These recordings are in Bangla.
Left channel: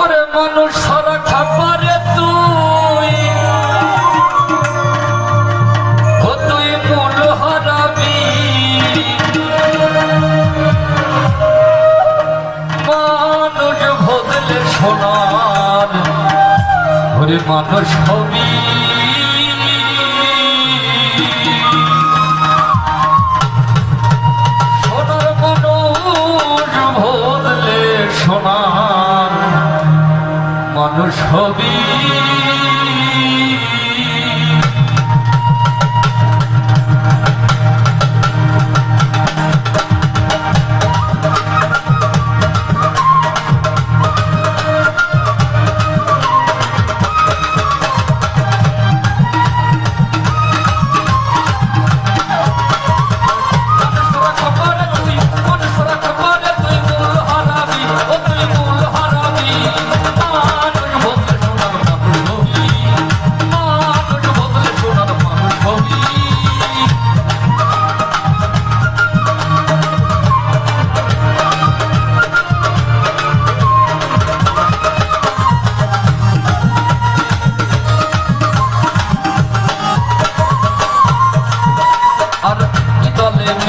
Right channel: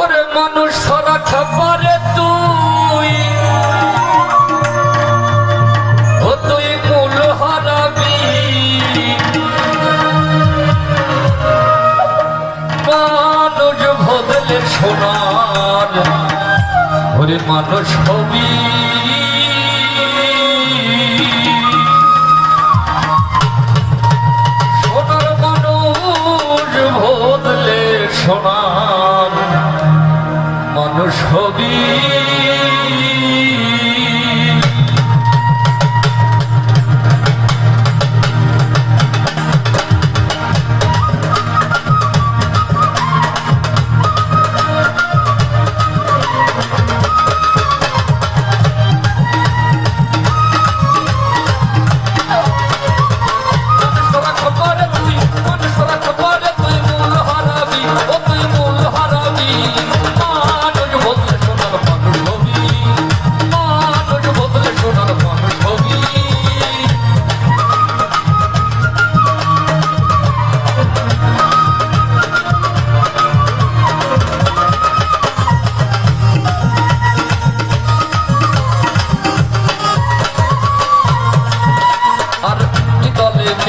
ওরে মানুষ সারা খাবারে তুই। ও তুই মূল হারাবি। মানুষ বদলে সোনার ওরে মানুষ হবি। মানুষ হবি।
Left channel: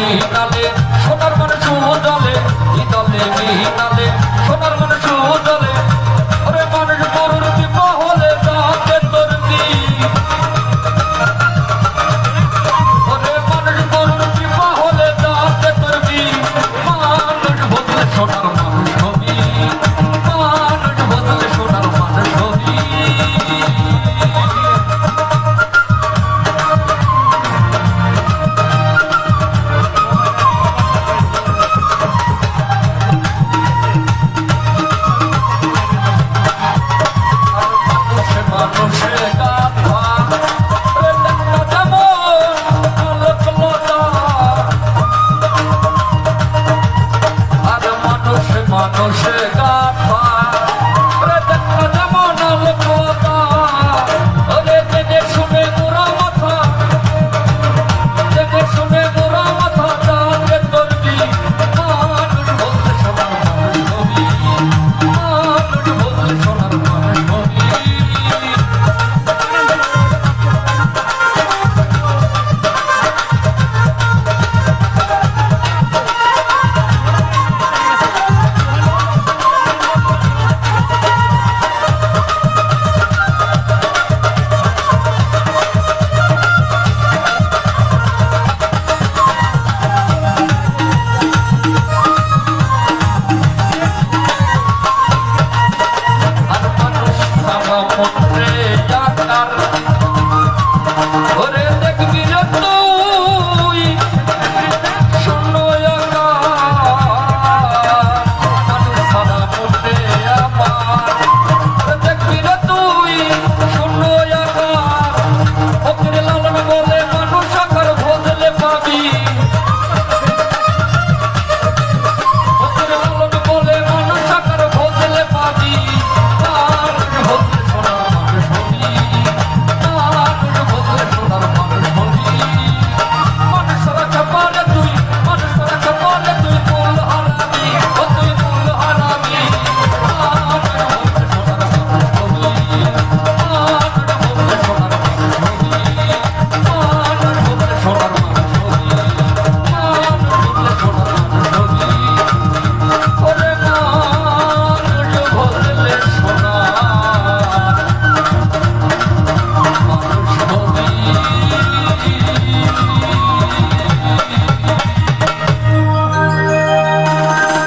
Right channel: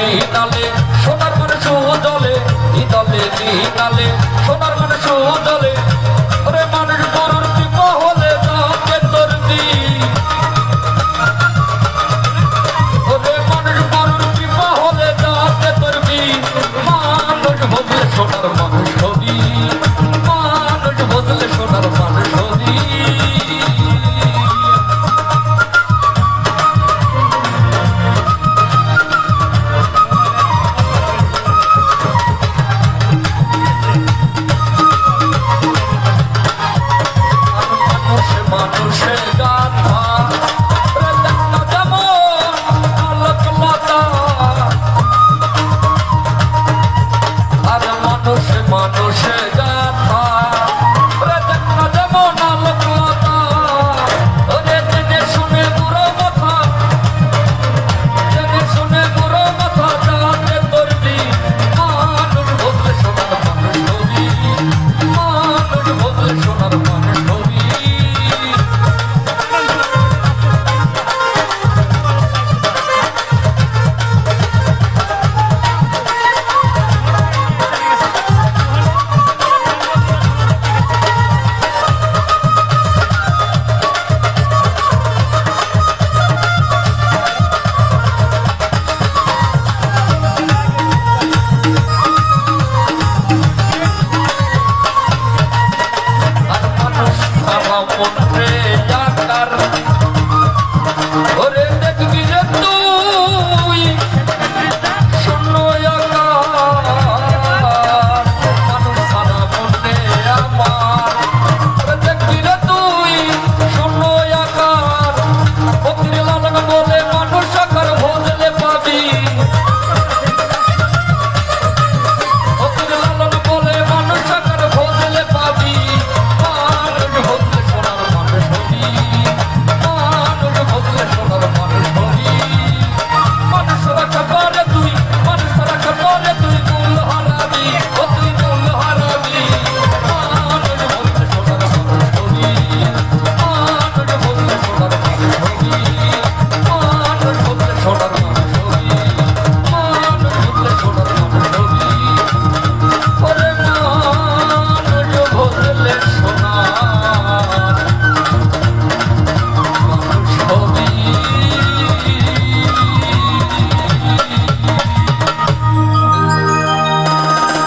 মিহিনালে সোনার করে জলে ইদলে মিহিনালে